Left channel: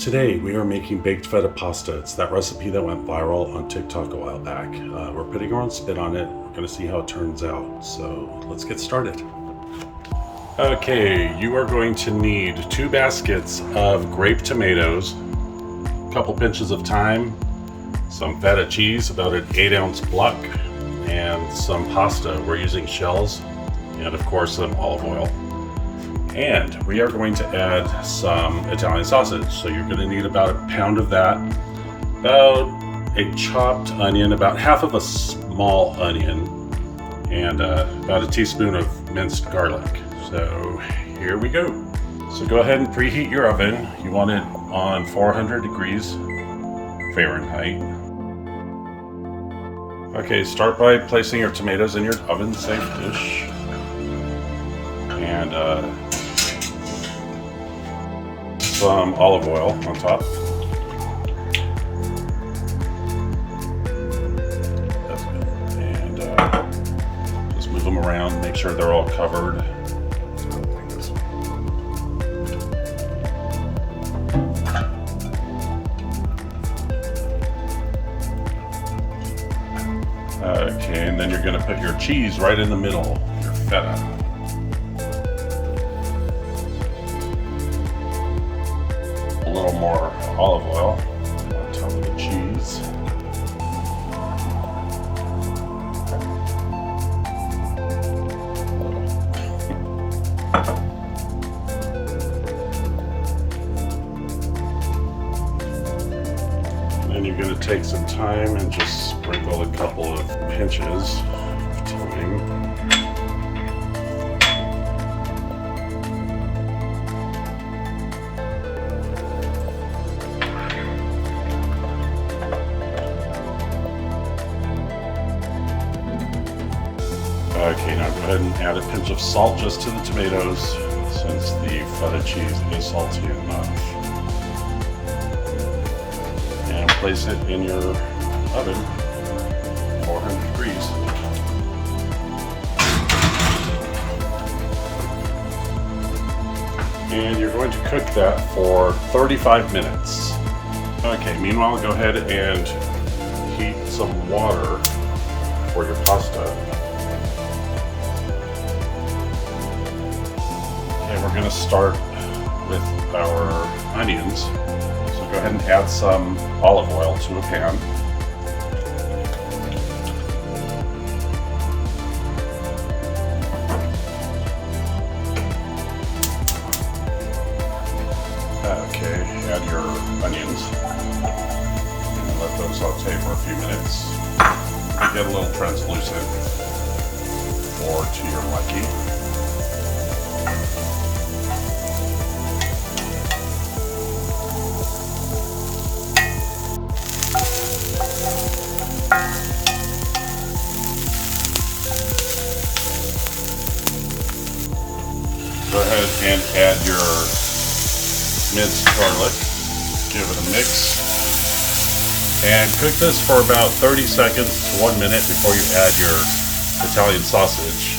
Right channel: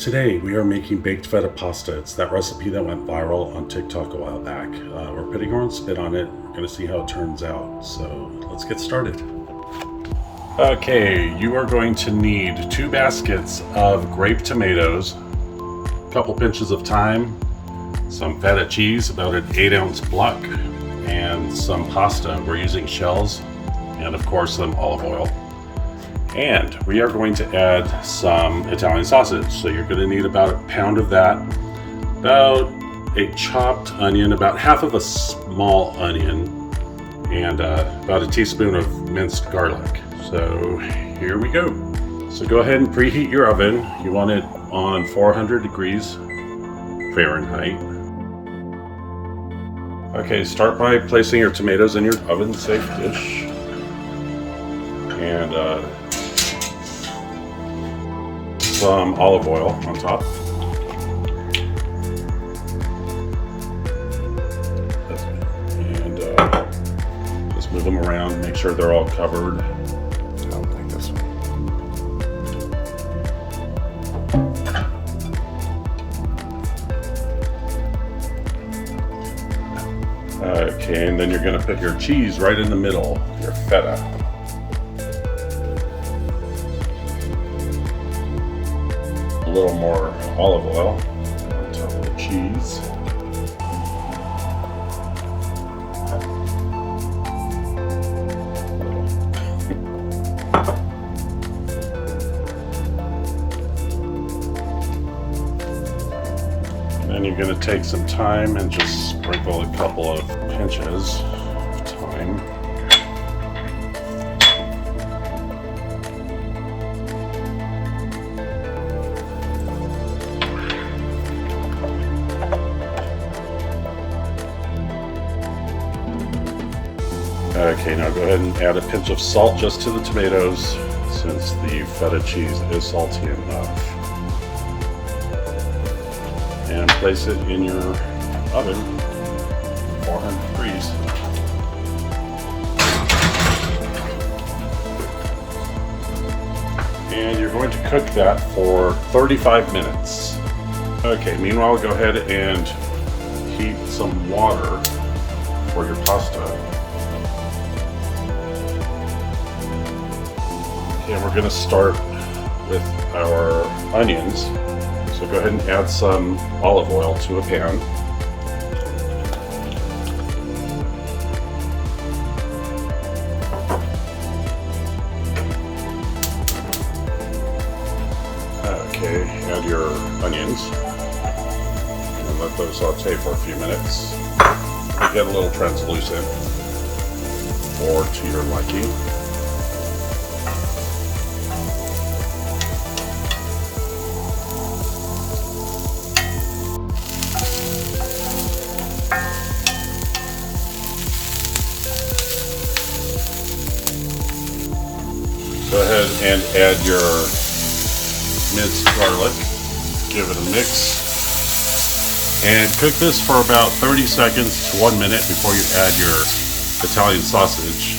Today we are making baked feta pasta. It's that recipe that went viral on TikTok a while back. We're putting our own spin on it. We're going to see how it turns out. So let's get started. Okay, you are going to need 2 baskets of grape tomatoes, a couple pinches of thyme, some feta cheese, about an 8-ounce block, and some pasta. We're using shells, and of course some olive oil. And we are going to add some Italian sausage. So you're going to need about a pound of that, about a chopped onion, about half of a small onion, and about a teaspoon of minced garlic. So here we go. So go ahead and preheat your oven. You want it on 400 degrees Fahrenheit. Okay, start by placing your tomatoes in your oven-safe dish. And some olive oil on top. And just move them around, make sure they're all covered. Okay, and then you're going to put your cheese right in the middle, your feta. A little more olive oil on top of the cheese. And then you're going to take some thyme and just sprinkle a couple of pinches of thyme. Okay, now go ahead and add a pinch of salt just to the tomatoes, since the feta cheese is salty enough. And place it in your oven, 400 degrees. And you're going to cook that for 35 minutes. Okay, meanwhile, go ahead and heat some water for your pasta. And we're going to start with our onions. So go ahead and add some olive oil to a pan. Okay, add your onions and let those saute for a few minutes. They get a little translucent or to your liking. Go ahead and add your minced garlic, give it a mix, and cook this for about 30 seconds to 1 minute before you add your Italian sausage.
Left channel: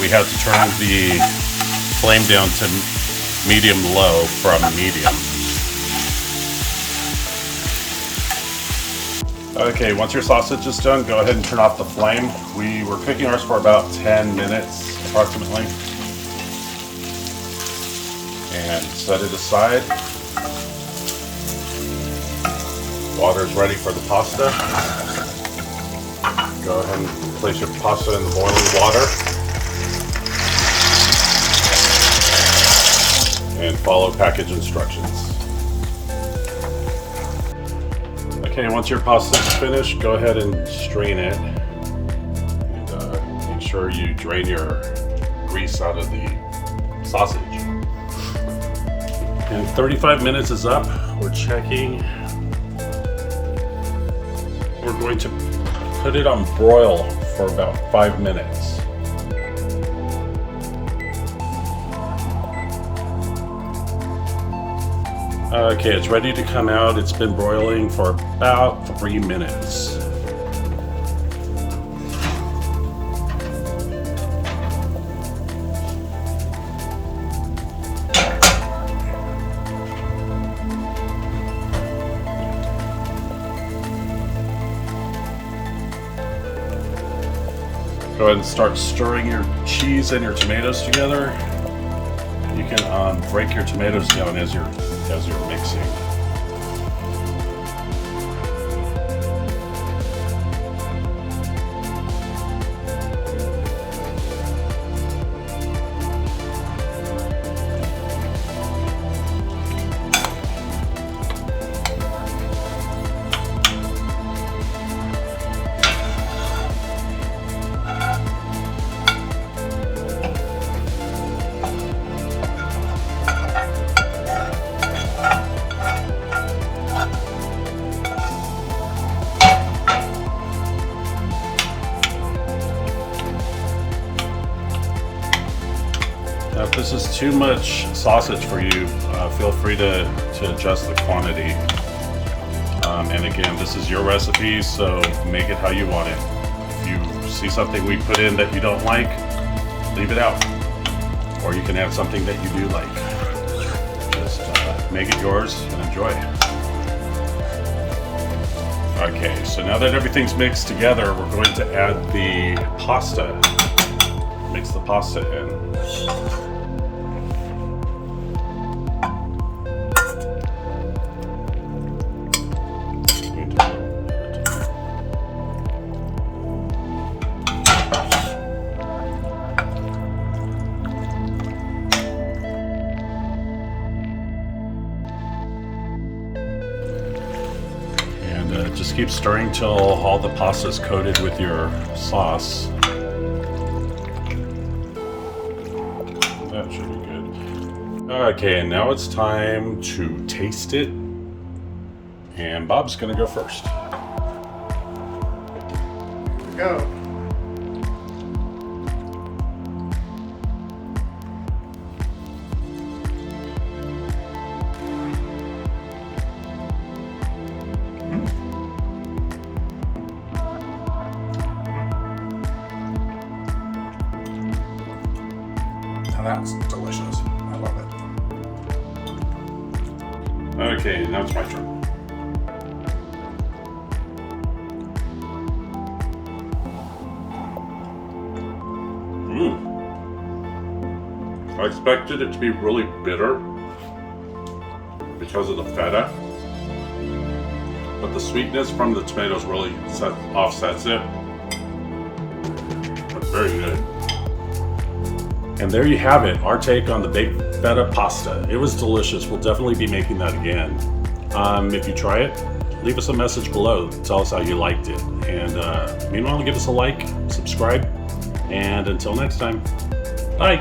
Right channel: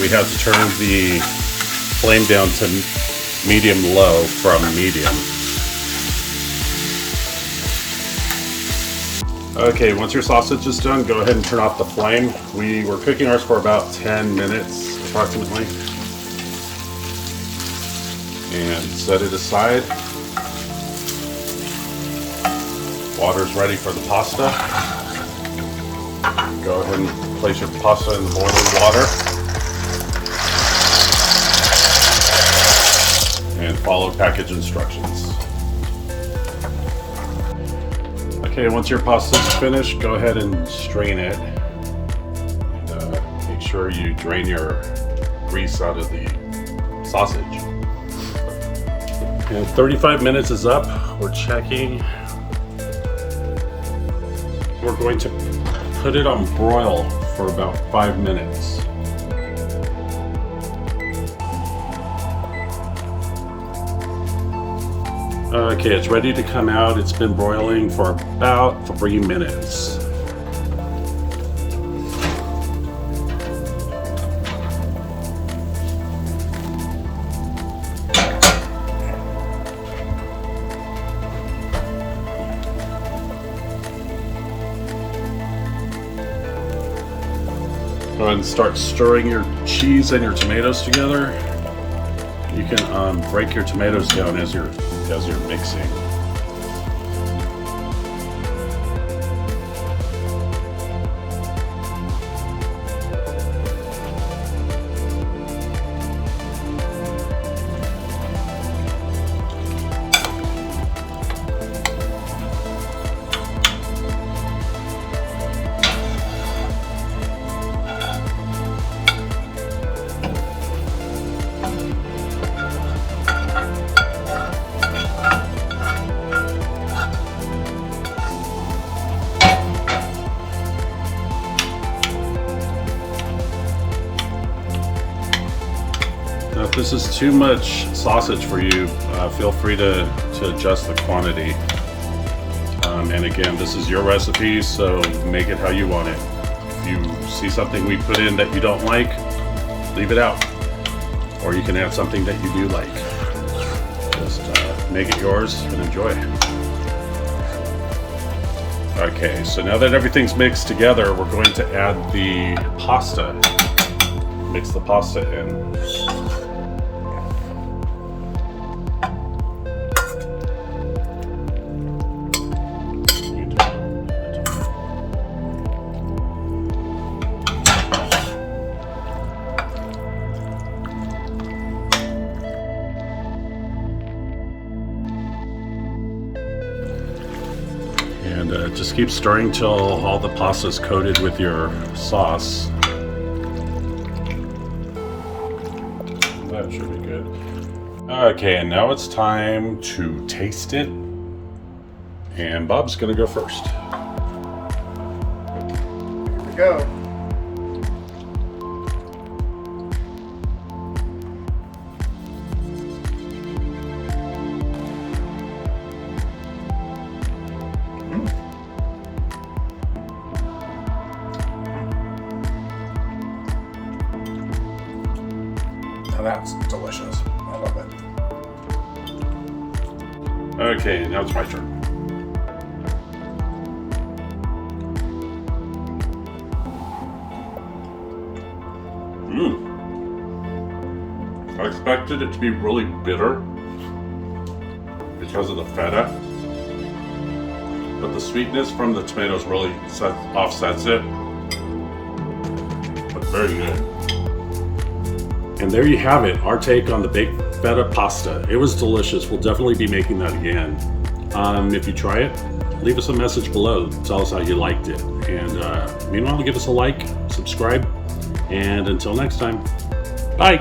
We had to turn the flame down to medium-low from medium. Okay, once your sausage is done, go ahead and turn off the flame. We were cooking ours for about 10 minutes approximately. And set it aside. Water's ready for the pasta. Go ahead and place your pasta in the boiling water. And follow package instructions. Okay, once your pasta is finished, go ahead and strain it. sure you drain your grease out of the sausage. And 35 minutes is up. We're checking. We're going to put it on broil for about 5 minutes. Okay, it's ready to come out. It's been broiling for about 3 minutes. Go ahead and start stirring your cheese and your tomatoes together. You can break your tomatoes down as you're mixing. Now, if this is too much sausage for you, feel free to adjust the quantity. And again, this is your recipe, so make it how you want it. If you see something we put in that you don't like, leave it out. Or you can add something that you do like. Just make it yours and enjoy. Okay, so now that everything's mixed together, we're going to add the pasta. Mix the pasta in. And just keep stirring till all the pasta is coated with your sauce. That should be good. Okay, and now it's time to taste it. And Bob's gonna go first. Here we go. Now that's delicious. I love it. Okay, now it's my turn. I expected it to be really bitter because of the feta, but the sweetness from the tomatoes really offsets it. But very good. And there you have it, our take on the baked feta pasta. It was delicious. We'll definitely be making that again. If you try it, leave us a message below. Tell us how you liked it. And meanwhile, give us a like, subscribe, and until next time, bye.